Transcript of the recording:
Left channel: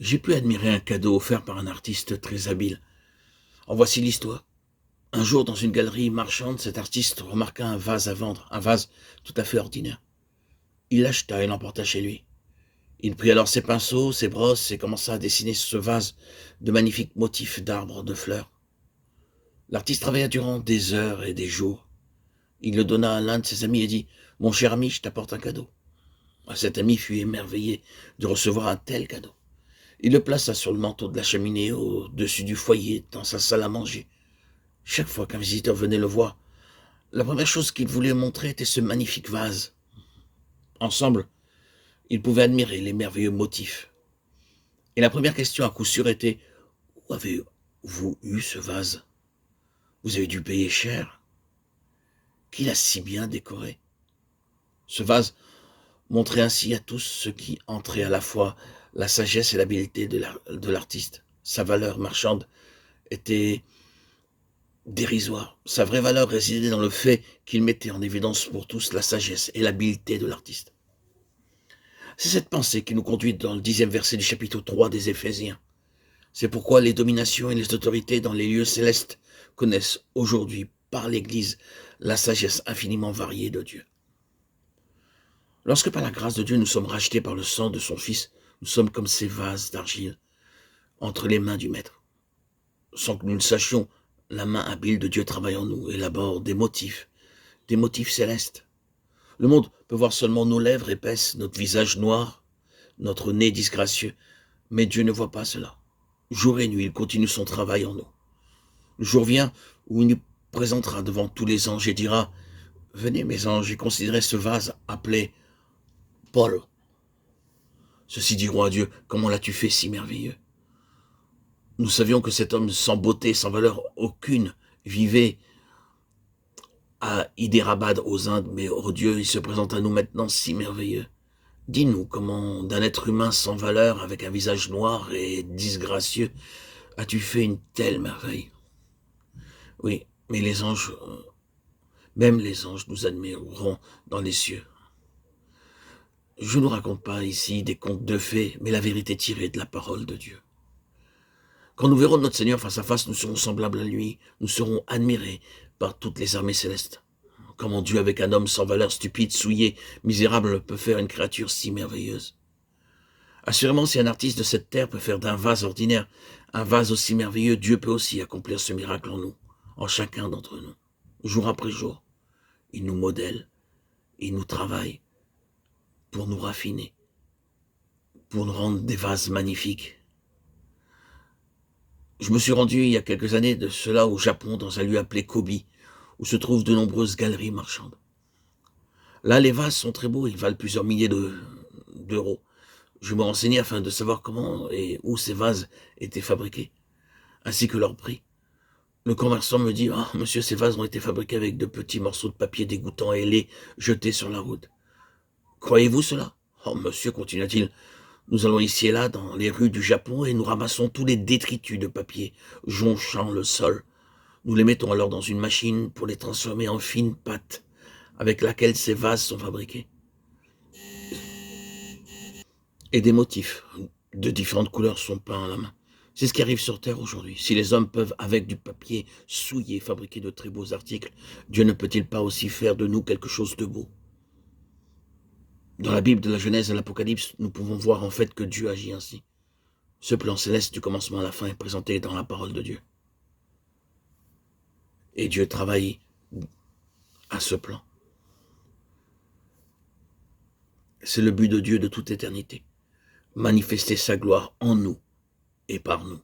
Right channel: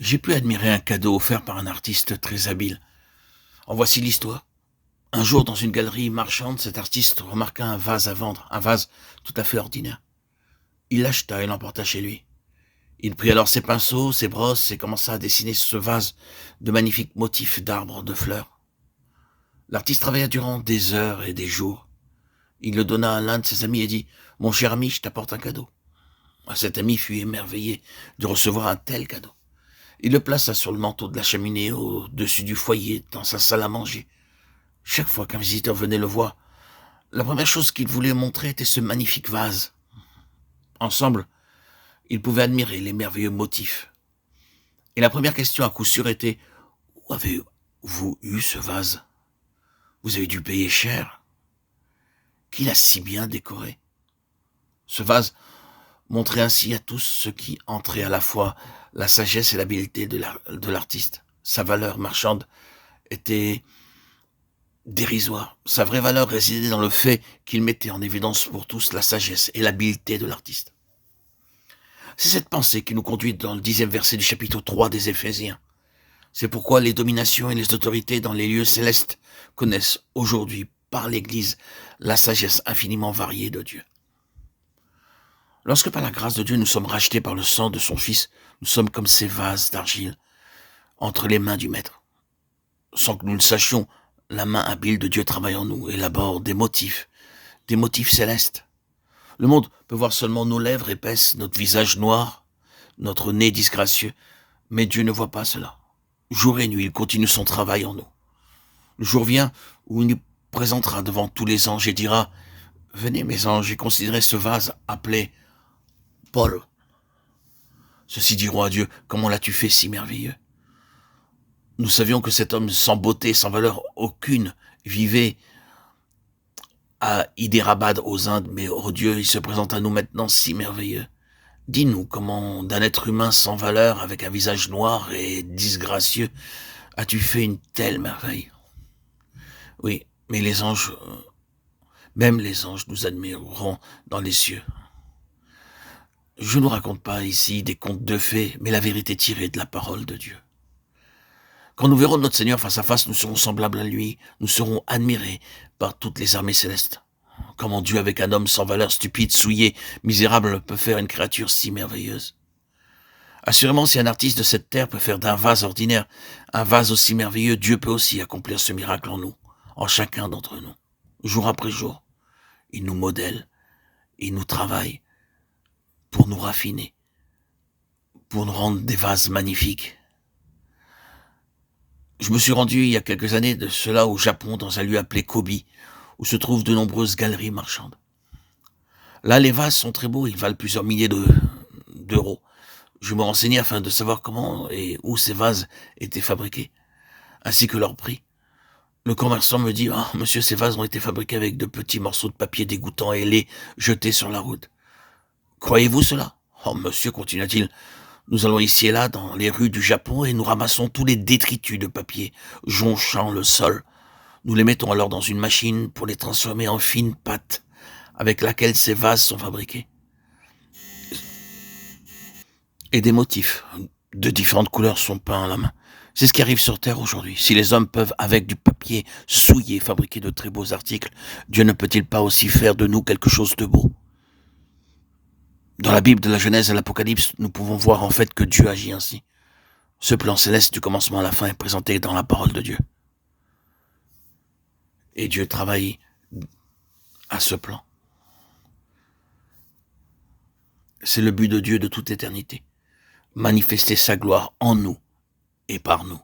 J'ai pu admirer un cadeau offert par un artiste très habile. En voici l'histoire. Un jour, dans une galerie marchande, cet artiste remarqua un vase à vendre, un vase tout à fait ordinaire. Il l'acheta et l'emporta chez lui. Il prit alors ses pinceaux, ses brosses et commença à dessiner sur ce vase de magnifiques motifs d'arbres, de fleurs. L'artiste travailla durant des heures et des jours. Il le donna à l'un de ses amis et dit « Mon cher ami, je t'apporte un cadeau. » Cet ami fut émerveillé de recevoir un tel cadeau. Il le plaça sur le manteau de la cheminée, au-dessus du foyer, dans sa salle à manger. Chaque fois qu'un visiteur venait le voir, la première chose qu'il voulait montrer était ce magnifique vase. Ensemble, ils pouvaient admirer les merveilleux motifs. Et la première question à coup sûr était « Où avez-vous eu ce vase? Vous avez dû payer cher. Qui l'a si bien décoré ?» Ce vase montrait ainsi à tous ce qui entrait à la fois la sagesse et l'habileté de l'artiste. Sa valeur marchande était dérisoire. Sa vraie valeur résidait dans le fait qu'il mettait en évidence pour tous la sagesse et l'habileté de l'artiste. C'est cette pensée qui nous conduit dans le 10e verset du chapitre 3 des Éphésiens. C'est pourquoi les dominations et les autorités dans les lieux célestes connaissent aujourd'hui par l'Église la sagesse infiniment variée de Dieu. Lorsque par la grâce de Dieu nous sommes rachetés par le sang de son Fils, nous sommes comme ces vases d'argile entre les mains du Maître. Sans que nous le sachions, la main habile de Dieu travaille en nous et élabore des motifs célestes. Le monde peut voir seulement nos lèvres épaisses, notre visage noir, notre nez disgracieux, mais Dieu ne voit pas cela. Jour et nuit, il continue son travail en nous. Le jour vient où il nous présentera devant tous les anges et dira « Venez mes anges et considérez ce vase appelé Paul. » Ceux-ci diront à Dieu « Comment l'as-tu fait si merveilleux ?» Nous savions que cet homme sans beauté, sans valeur aucune, vivait à Hyderabad aux Indes, mais oh Dieu, il se présente à nous maintenant si merveilleux. Dis-nous comment, d'un être humain sans valeur, avec un visage noir et disgracieux, as-tu fait une telle merveille? Oui, mais même les anges nous admireront dans les cieux. Je ne vous raconte pas ici des contes de fées, mais la vérité tirée de la parole de Dieu. Quand nous verrons notre Seigneur face à face, nous serons semblables à lui, nous serons admirés par toutes les armées célestes. Comment Dieu, avec un homme sans valeur, stupide, souillé, misérable, peut faire une créature si merveilleuse. Assurément, si un artiste de cette terre peut faire d'un vase ordinaire un vase aussi merveilleux, Dieu peut aussi accomplir ce miracle en nous, en chacun d'entre nous. Jour après jour, il nous modèle, il nous travaille pour nous raffiner, pour nous rendre des vases magnifiques. Je me suis rendu il y a quelques années de cela au Japon, dans un lieu appelé Kobe, où se trouvent de nombreuses galeries marchandes. Là, les vases sont très beaux, ils valent plusieurs milliers d'euros. Je me renseignais afin de savoir comment et où ces vases étaient fabriqués, ainsi que leur prix. Le commerçant me dit « Ah, monsieur, ces vases ont été fabriqués avec de petits morceaux de papier dégoûtants et laids jetés sur la route. Croyez-vous cela ?»« Oh, monsieur, continua-t-il, nous allons ici et là dans les rues du Japon et nous ramassons tous les détritus de papier jonchant le sol. Nous les mettons alors dans une machine pour les transformer en fine pâte avec laquelle ces vases sont fabriqués. Et des motifs de différentes couleurs sont peints à la main. C'est ce qui arrive sur Terre aujourd'hui. Si les hommes peuvent, avec du papier souillé, fabriquer de très beaux articles, Dieu ne peut-il pas aussi faire de nous quelque chose de beau? Dans la Bible de la Genèse et l'Apocalypse, nous pouvons voir en fait que Dieu agit ainsi. Ce plan céleste du commencement à la fin est présenté dans la parole de Dieu. Et Dieu travaille à ce plan. C'est le but de Dieu de toute éternité. Manifester sa gloire en nous et par nous.